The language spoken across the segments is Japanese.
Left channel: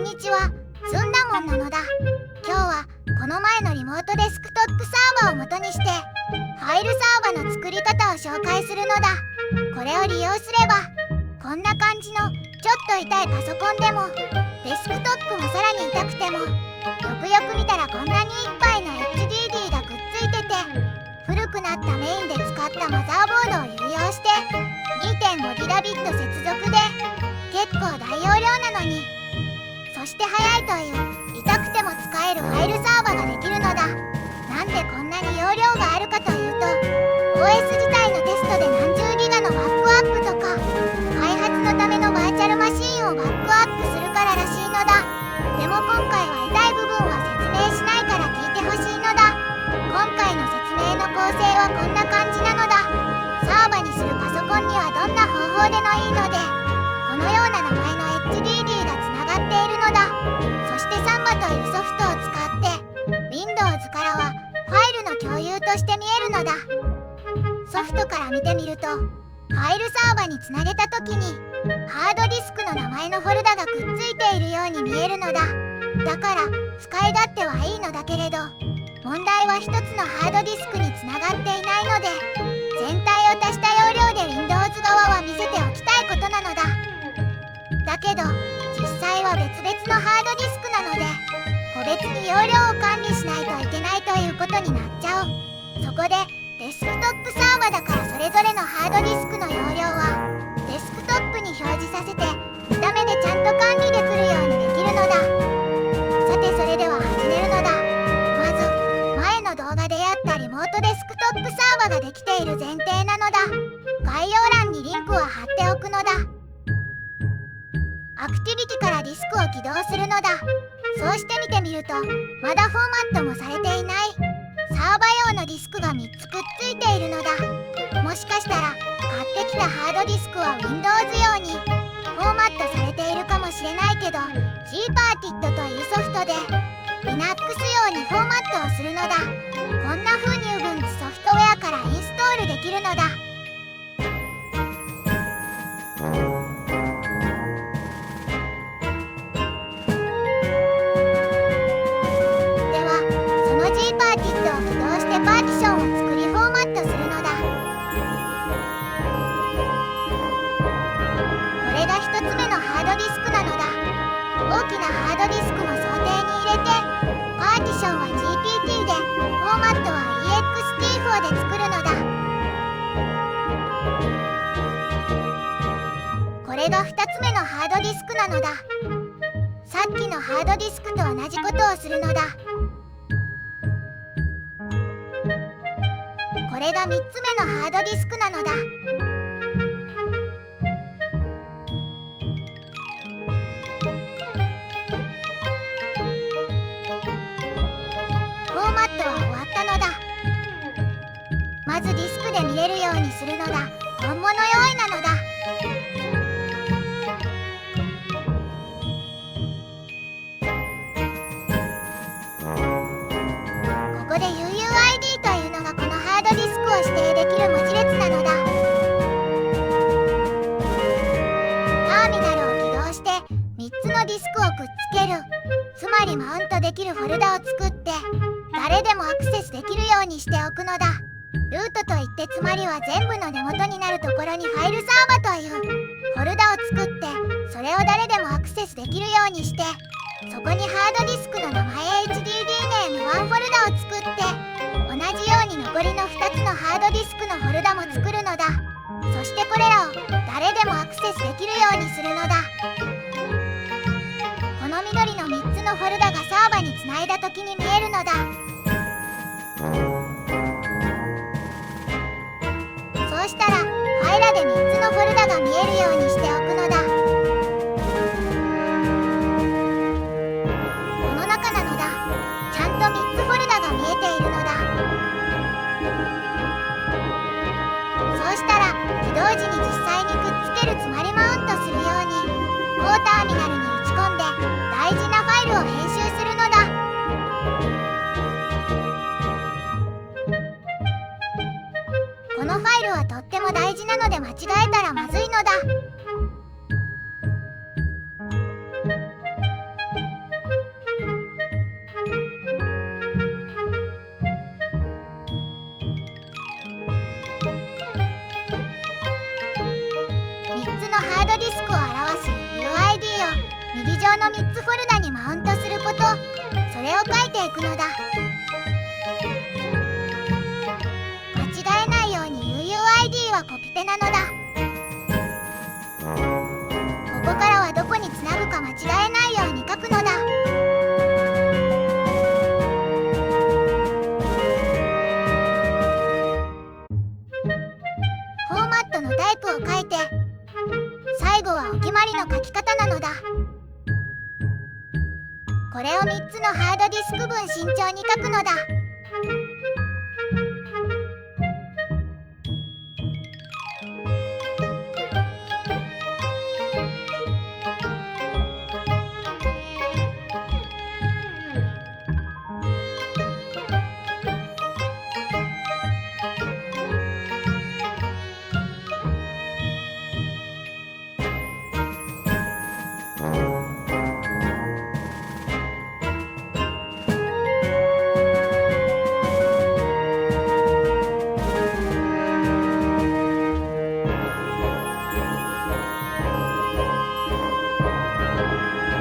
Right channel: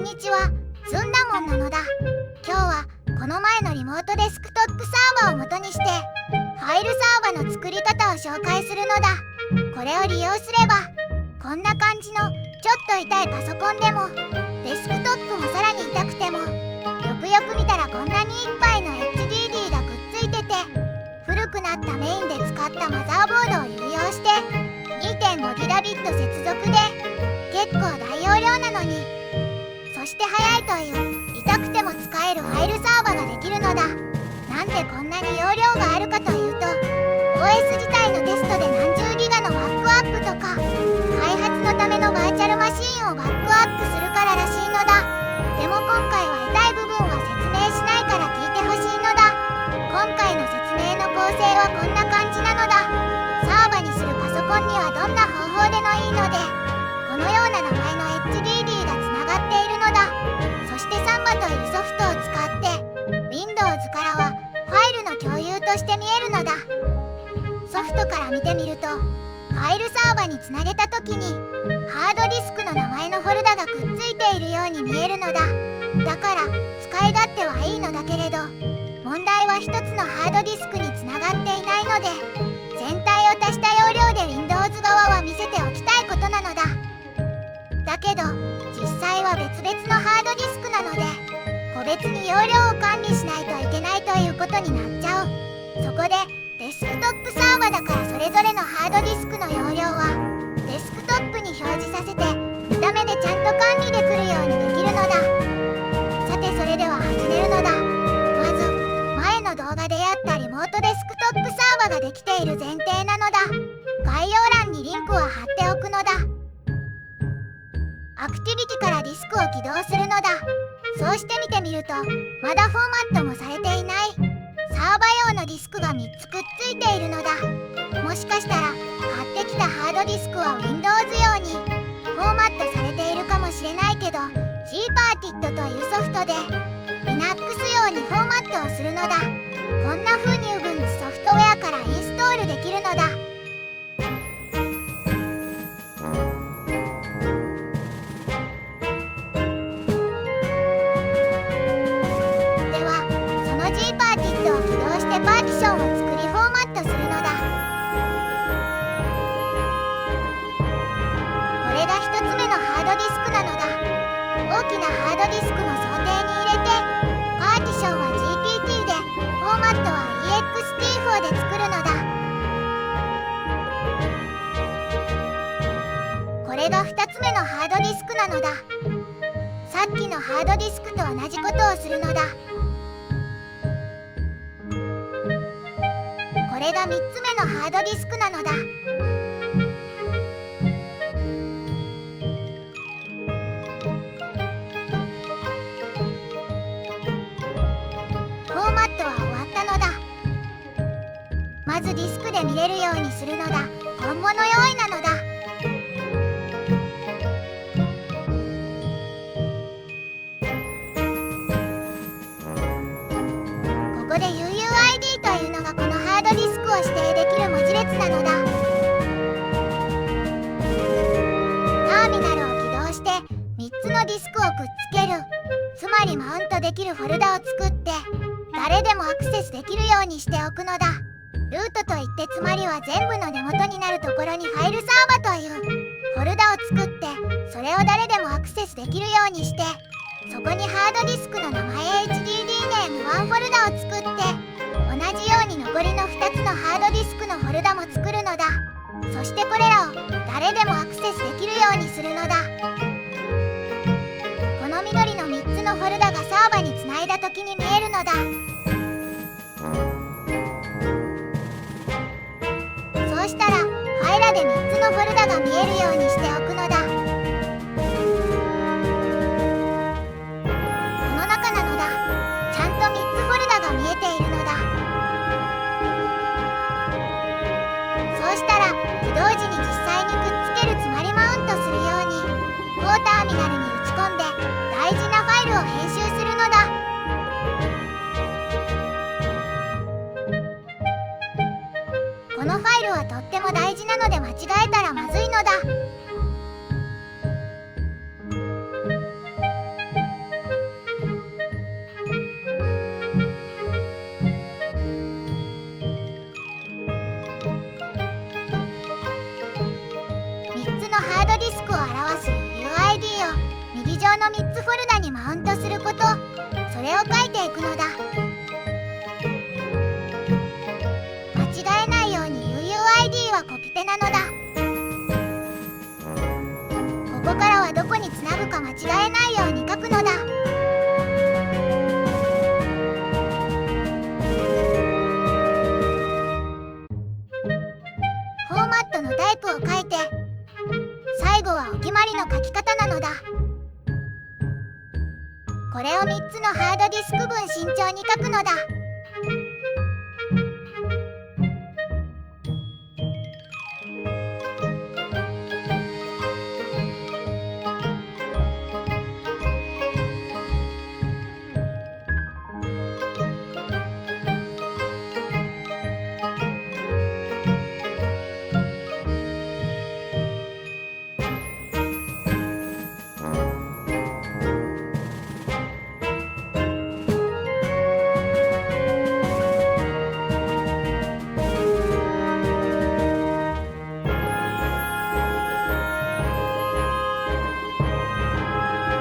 んにちは、ずんだもんなのだ。今日はこの前のリモートデスクトップサーバーを元にしてファイルサーバーの作り方を紹介するのだ。これを利用すればこんな感じのちょっと痛いパソコンでもデスクトップもさらに痛くてもよくよく見たらこんなにいっぱいの HDD がくっついてて古くなったメインで使ったマザーボードを有用して 2.5 ギガビット接続で結構大容量なのにそして速いという痛くても使えるファイルサーバーができるのだ。なんでこんなに容量があるかというと OS 自体のテストで何十ギガのバックアップとか開発のためのバーチャルマシンをバックアップするかららしいのだ。でも今回は痛い部分は説明しないから聞いてほしいのだ。今回の説明の構成はこんな感じなのだ。サーバにするパソコンにはどんな方法でもいいのでこのような名前の HDD がつながっているのだ。そしてサンバというソフトを使って Windows からはファイルの共有として見えるのだ。ソフトから見てみるとファイルサーバにつなげた時にハードディスクの名前のフォルダがくっついているように見えるのだ。だから使い勝手はいいのだけれど問題は一つのハードディスクにつながっていないので全体を足した容量で Windows 側は見せておきたいことなのだ。だけど実際は別々のハードディスクなので個別に容量を管理しないといけないということになっちゃう。そこでデスクトップサーバだからそれぞれのハードディスクの容量はデスクトップに表示させて見た目でちゃんと管理できるようにできるのだ。さてそれでは始めるのだ。まず前の動画でやったリモートデスクトップサーバができている前提なのだ。概要欄にリンクを貼っておくのだ。アクティビティからディスクを起動するのだ。そうして見てみるとまだフォーマットもされていないサーバ用のディスクが3つくっついているのだ。もしかしたら買ってきたハードディスクは Windows 用にフォーマットされているかもしれないけど Gparted というソフトで Linux 用にフォーマットをするのだ。こんな風に Ubuntu ソフトウェアからインストールできるのだ。Gparted を起動してパーティションを作りフォーマットするのだ。これが1つ目のハードディスクなのだ。大きなハードディスクも想定に入れてパーティションは GPT でフォーマットは ext4 で作るのだ。これが2つ目のハードディスクなのだ。さっきのハードディスクと同じことをするのだ。これが3つ目のハードディスクなのだ。フォーマットは終わったのだ。まずディスクで見れるようにするのだ。今後の用意なのだ。ここで UUID というのがこのハードディスクを指定できる文字列なのだ。ターミナルを起動して3つのディスクをくっつける。つまりマウントできるフォルダを作って誰でもアクセスできるようにしておくのだ。ルートといってつまりは全部の根元になるところにファイルサーバというフォルダを作ってそれを誰でもアクセスできるようにしてそこにハードディスクの名前 HDD ネーム1フォルダを作って同じように残りの2つのハードディスクのフォルダも作るのだ。そしてこれらを誰でもアクセスできるようにするのだ。この緑の3つのフォルダがサーバにつないだ時に見えるのだ。そうしたらファイラで3つのフォルダが見えるようにしておくのだ。この中なのだ。ちゃんと3つフォルダが見えているのだ。そうしたら起動時に実際にくっつけるつまりマウントするように当ターミナルに打ち込んで大事なファイルを編集するのだ。このファイルはとっても大事なので間違えたらまずいのだ。クを表す UID を右上の3つフォルダにマウントすること、それを書いていくのだ。間違えないように UUID はコピペなのだ。ここからはどこにつなぐか間違えないように書くのだ。フォーマットのタイプを書いて、最後はお決まりの書き方なのだ。これを3つのハードディスク分慎重に書くのだ。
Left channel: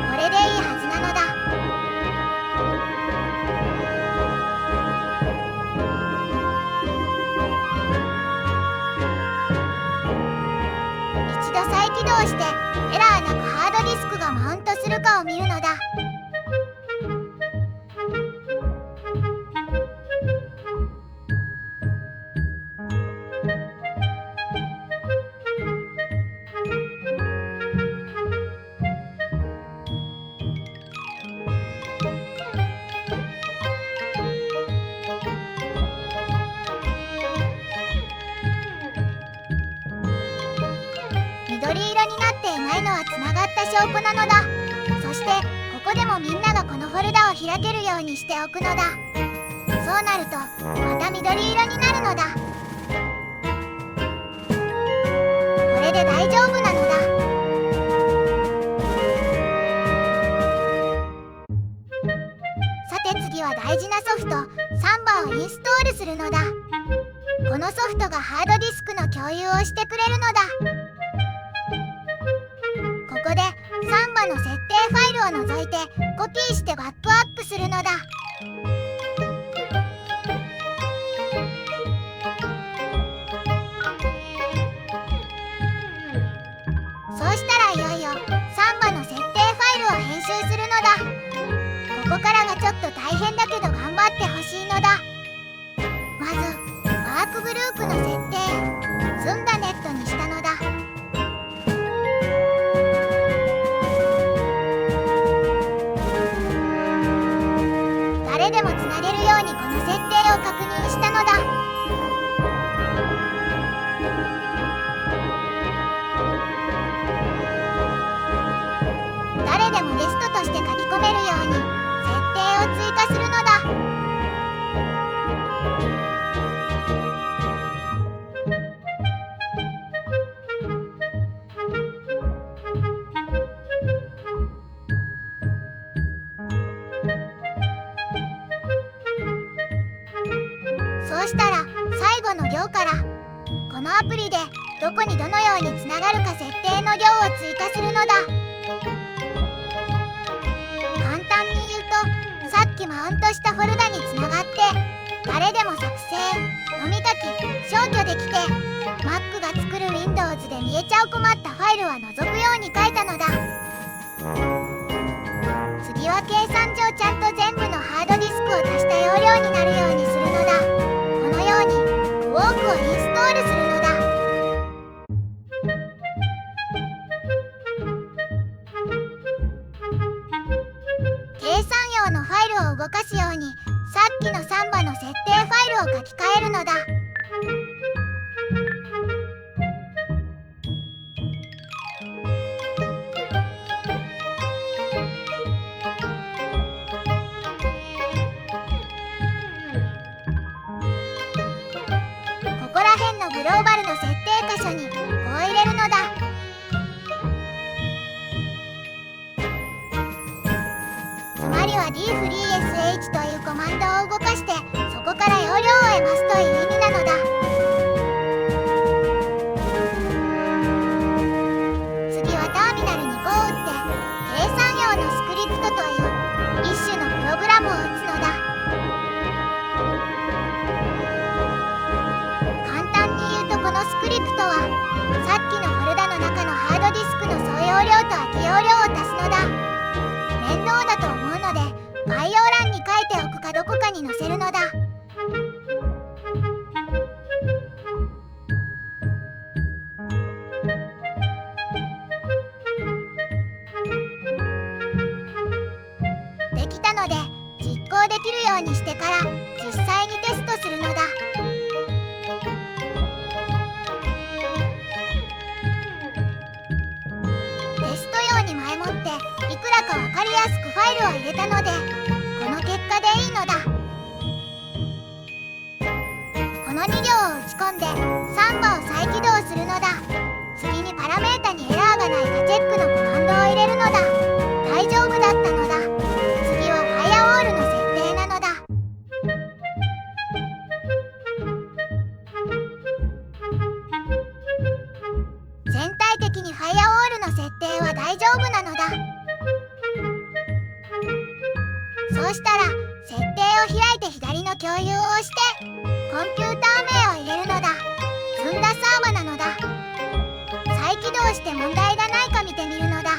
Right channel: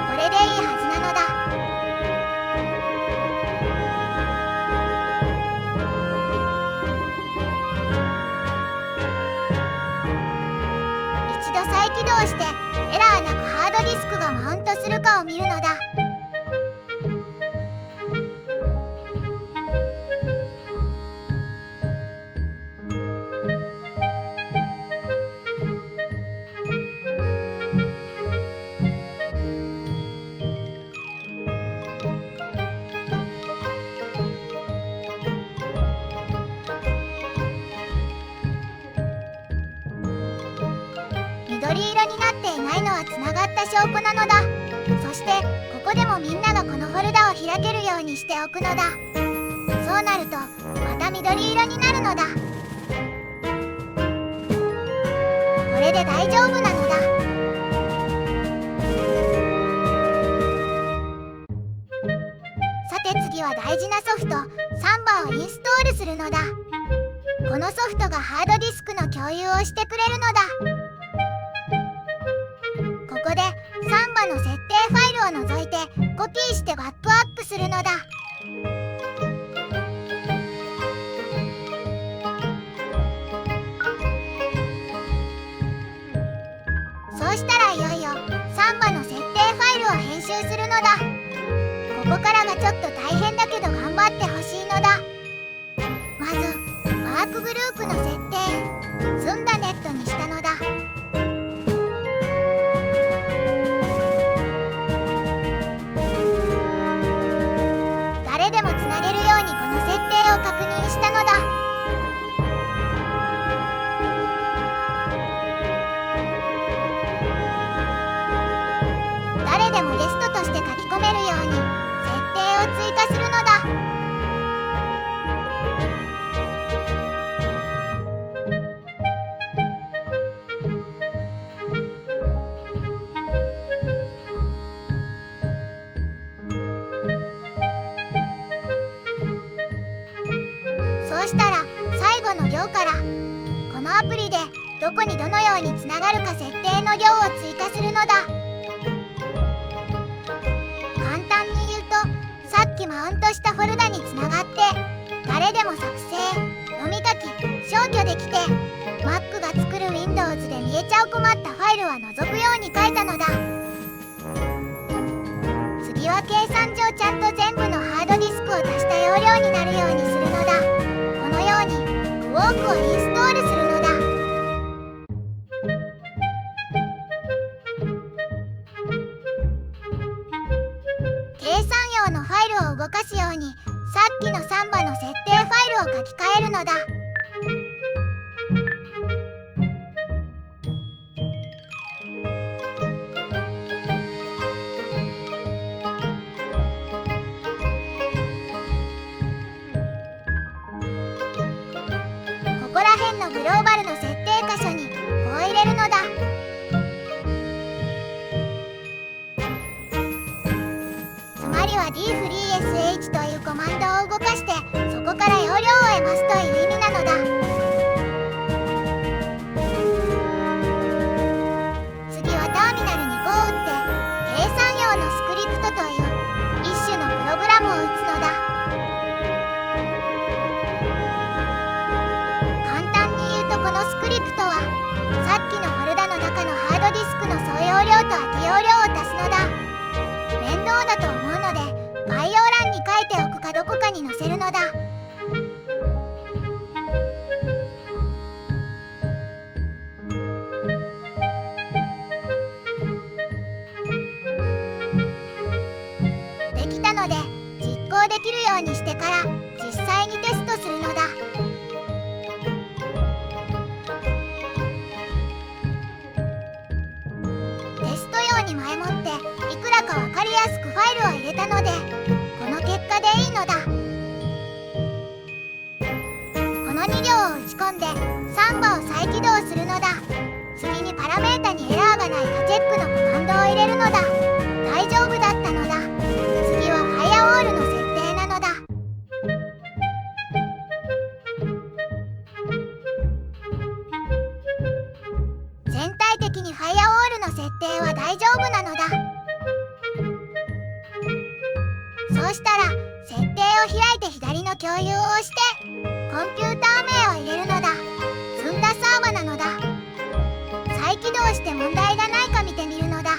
これでいいはずなのだ。一度再起動してエラーなくハードディスクがマウントするかを見るのだ。緑色になっていないのはつながった証拠なのだ。そしてここでもみんながこのフォルダを開けるようにしておくのだ。そうなるとまた緑色になるのだ。これで大丈夫なのだ。さて次は大事なソフトサンバをインストールするのだ。このソフトがハードディスクの共有をしてくれるのだ。ここでサンバの設定ファイルを除いてコピーしてバックアップするのだ。そうしたらいよいよサンバの設定ファイルを編集するのだ。ここからがちょっと大変だけど頑張ってほしいのだ。まずワークグループの設定積んだネットにしたのだ。誰でもつなげるようにこの設定を確認したのだ。誰でもゲストとして書き込めるように設定を追加するのだ。そうしたら最後の行からこのアプリでどこにどのようにつながるか設定の行を追加するのだ。簡単に言うとさっきマウントしたフォルダにつながって誰でも作成、読み書き、消去できて Mac が作る Windows で見えちゃう困ったファイルは除くように書いたのだ。次は計算上ちゃんと全部のハードディスクを足した容量になるようにするのだ。このようにクォークをインストールするのだ。計算用のファイルを動かすようにさっきのサンバの設定ファイルを書き換えるのだ。ここら辺のグローバルの設定箇所にこう入れるのだ。つまりは dfreesh というコマンドを動かしてそこから容量を得ますという意味なのだ。次はタとはさっきのフォルダの中のハードディスクの総容量と空き容量を足すのだ。面倒だと思うので概要欄に書いておくかどこかに載せるのだ。できたので実行できるようにしてから実際にテストするのだ。テスト用に前もっていくらか分かりやすくファイルを入れたのでこの結果でいいのだ。この2行を打ち込んでサンバを再起動するのだ。次にパラメータにエラーがないかチェックのコマンドを入れるのだ。大丈夫だったのだ。次はファイアウォールの設定なのだ。全体的にファイアウォールの設定は大丈夫なのだ。そうしたら設定を開いて左の共有を押してコンピューター名を入れるのだ。積んだサーバなのだ。再起動して問題がないか見てみるのだ。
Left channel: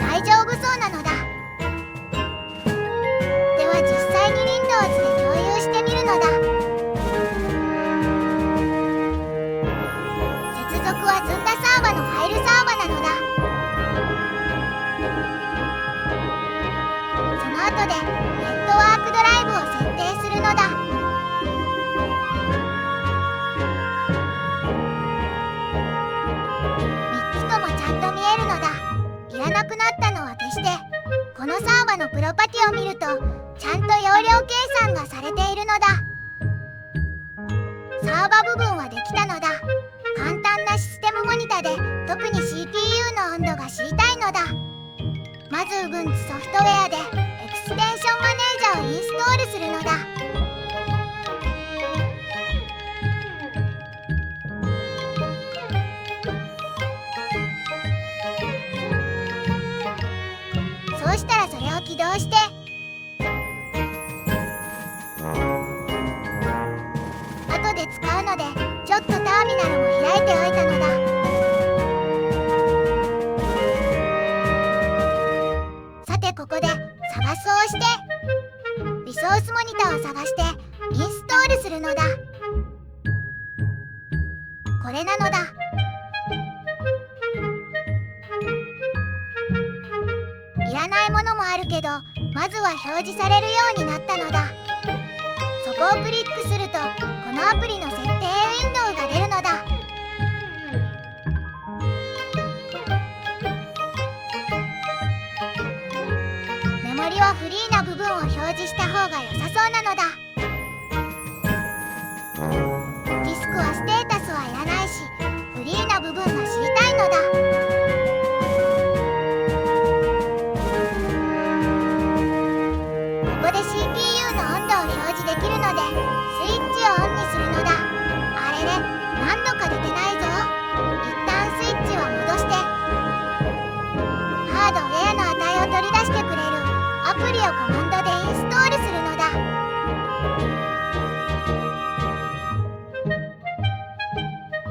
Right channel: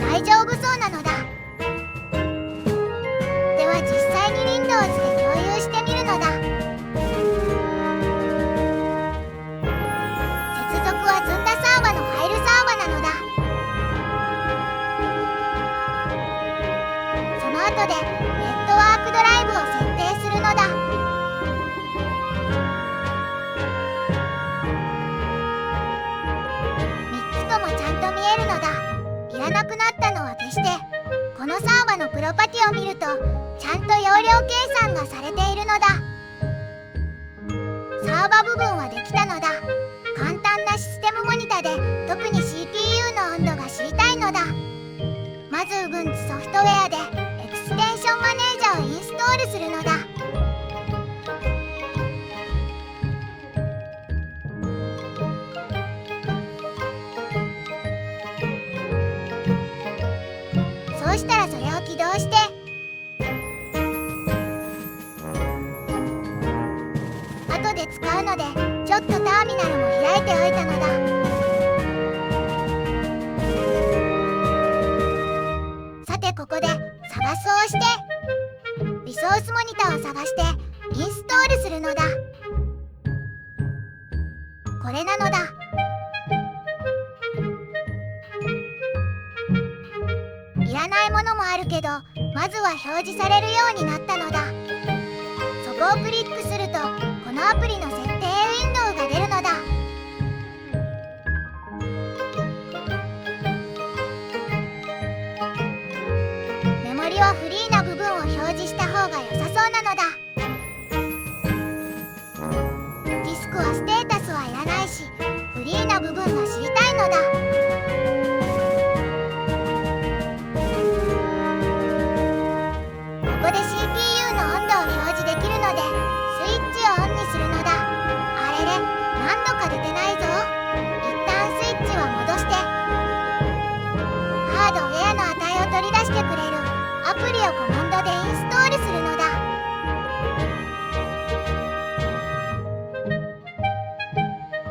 大丈夫そうなのだ。では実際に Windows で共有してみるのだ。接続は積んだサーバのファイルサーバなのだ。その後でネットワークドライブを設定するのだ。3つともちゃんと見えるのだ。いらなくなったのは消してこのサーバのプロパティを見るとちゃんと容量計算がされているのだ。サーバ部分はできたのだ。簡単なシステムモニタで特に CPU の温度が知りたいのだ。まず Ubuntu ソフトウェアでエクステンションマネージャーをインストールするのだ。そうしたらそれを起動して後で使うのでちょっとターミナルも開いておいたのだ。さてここで探すを押してリソースモニターを探してインストールするのだ。これなのだ。いらないものもあるけどまずは表示されるようになったのだ。そこをクリックするとこのアプリの設定ウィンドウが出るのだ。メモリはフリーな部分を表示した方が良さそうなのだ。ディスクはステータスはいらないしフリーな部分が知りたいのだ。ここで CPU の温度を表示できるのでスイッチをオンにするのだ。あれれ、何度か出てないぞ。一旦スイッチは戻してハードウェアの値を取り出してくれるアプリをコマンドでインストールするのだ。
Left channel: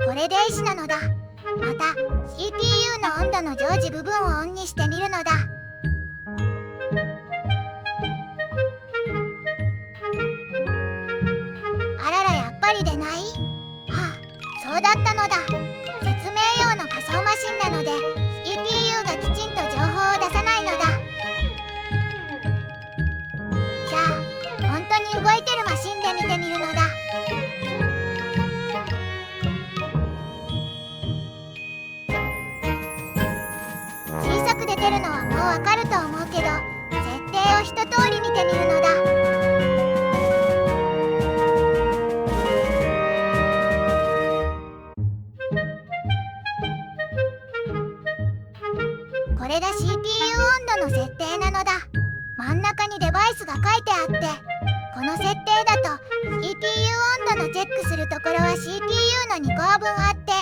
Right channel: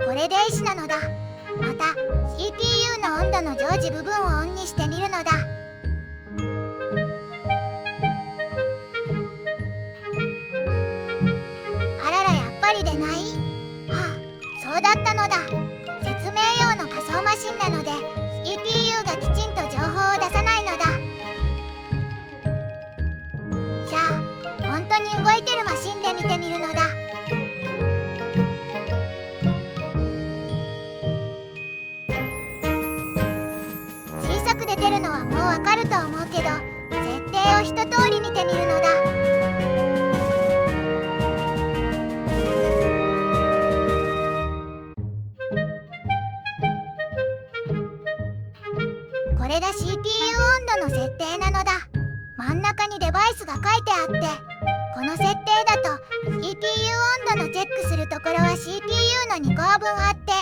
これでいいしなのだ。また CPU の温度の常時部分をオンにしてみるのだ。あらら、やっぱり出ない。はあ、そうだったのだ。説明用の仮想マシンなので CPU がきちんと情報を出さないのだ。じゃあ本当に動いてるマシンで見てみるのだ。小さく出てるのはもうわかると思うけど設定を一通り見てみるのだ。これが CPU 温度の設定なのだ。真ん中にデバイスが書いてあってこの設定だと CPU 温度のチェックするところは CPU の2個分あって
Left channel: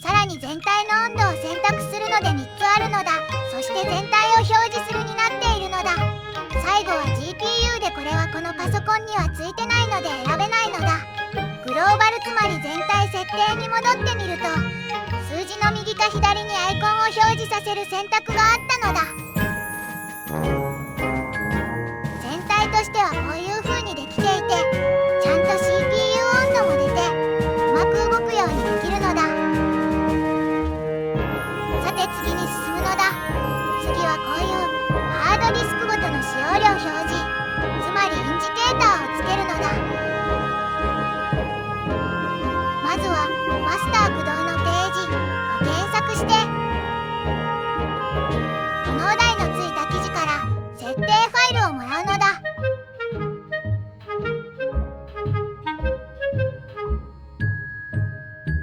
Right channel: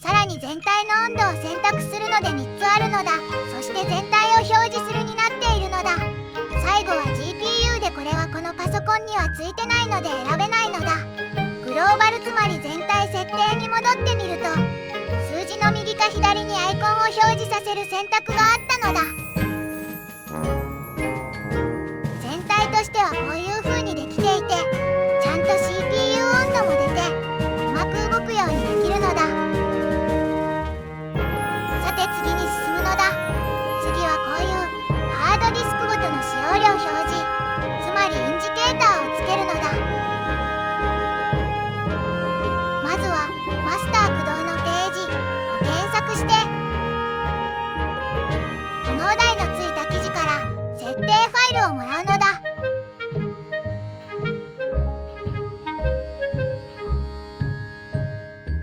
さらに全体の温度を選択するので3つあるのだ。そして全体を表示するになっているのだ。最後は GPU でこれはこのパソコンにはついてないので選べないのだ。グローバルつまり全体設定に戻ってみると、数字の右か左にアイコンを表示させる選択があったのだ。全体としてはこういう風にできていて、ちゃんと CPU 温度も出てうまく動くようにできるのだ。さて次に進むのだ。次はこういうハードディスクごとの使用量表示、つまりインジケーターをつけるのだ。まずはマスター駆動のページを検索して、このお題のついた記事から設定ファイルをもらうのだ。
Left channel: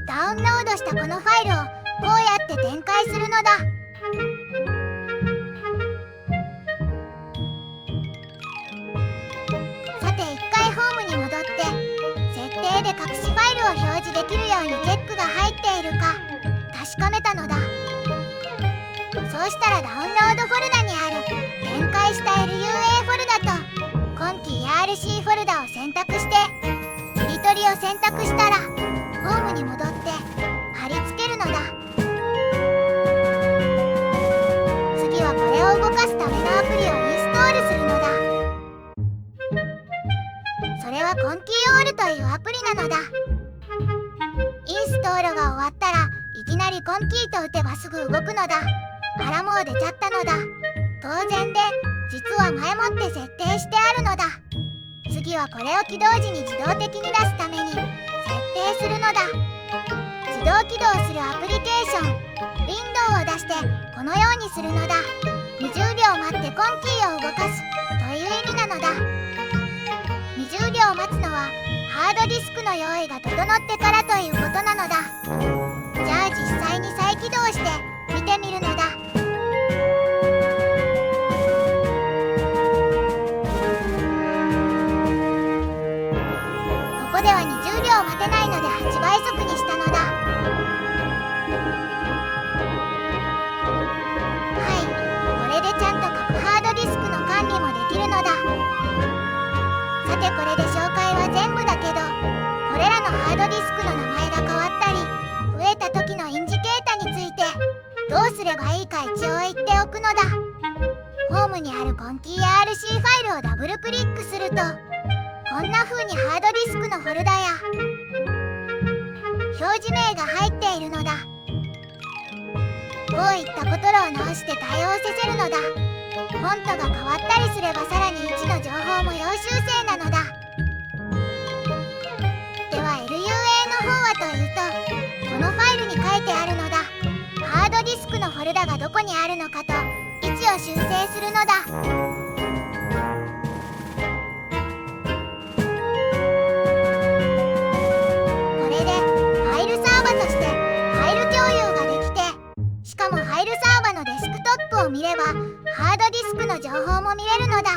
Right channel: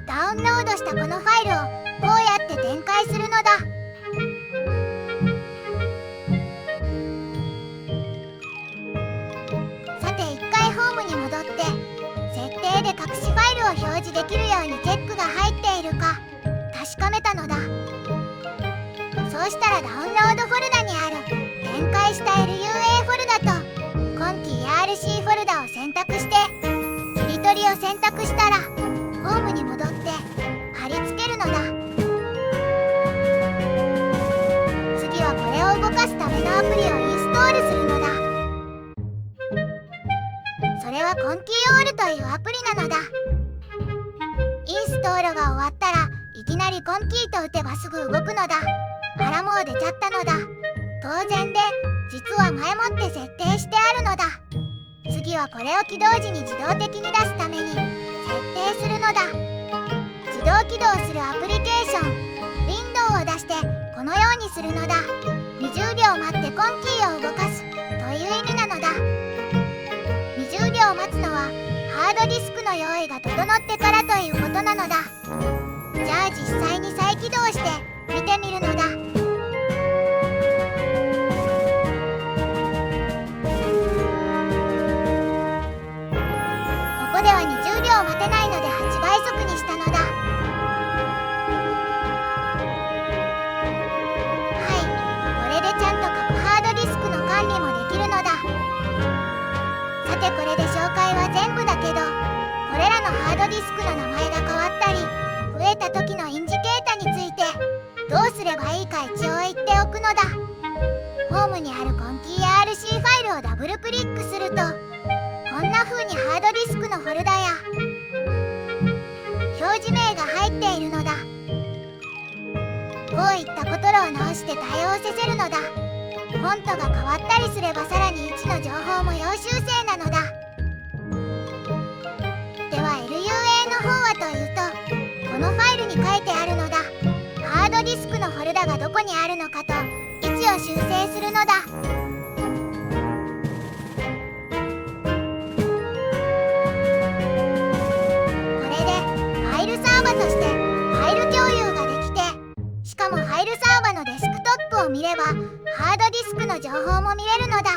ダウンロードしたこのファイルをこうやって展開するのだ。さて一回ホームに戻って設定で隠しファイルを表示できるようにチェックが入っているか確かめたのだ。そうしたらダウンロードフォルダにある展開した LUA フォルダと今期 ERC フォルダを選択して切り取りを選択したらホームに戻って貼り付けるのだ。次はこれを動かすためのアプリをインストールするのだ。それはコンキーオールというアプリなのだ。インストールが終わったらいきなりコンキーと打てばすぐ動くのだ。あらもう出ちゃったのだ。当然で、実は前もって設定してあるのだ。次はこれを起動時に自動的に出すために設定するのだ。自動起動するアプリケーション、ウィンドウを出してこのようにするのだ。20秒待ってコンキーを動かすという意味なのだ。20秒待つのはハードディスクの用意が整ってからということなのだ。じゃあ実際に再起動して見てみるのだ。ここでは20秒待てないので8倍速にしたのだ。はい、これでちゃんと各ハードディスクの管理もできるのだ。さてこれで紹介は全部だけど、これらのハードディスクの名前が変わったり増えた時のインジケータについてどうすればいいか一応言っておくのだ。ホームにあるコンキー RC ファイルをダブルクリックするとこんな風にハードディスクのフォルダや表示名が入っているのだ。こういったことを直して対応させるのだ。フォントが変わったりすればさらに位置の情報も要修正なのだ。では LUA の方はというと、このファイルに書いてあるのだ。ハードディスクのフォルダがどこにあるのかと位置を修正するのだ。これでファイルサーバとしてファイル共有ができて、しかもファイルサーバのデスクトップを見ればハードディスクの情報も見れるのだ。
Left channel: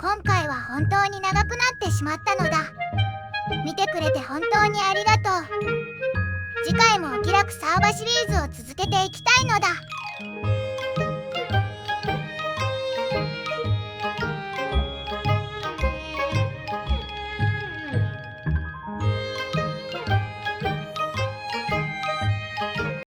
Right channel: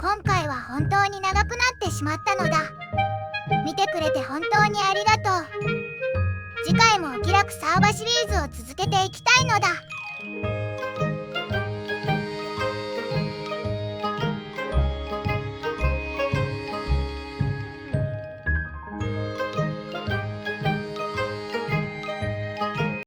今回は本当に長くなってしまったのだ。見てくれて本当にありがとう。次回もお気楽サーバシリーズを続けていきたいのだ。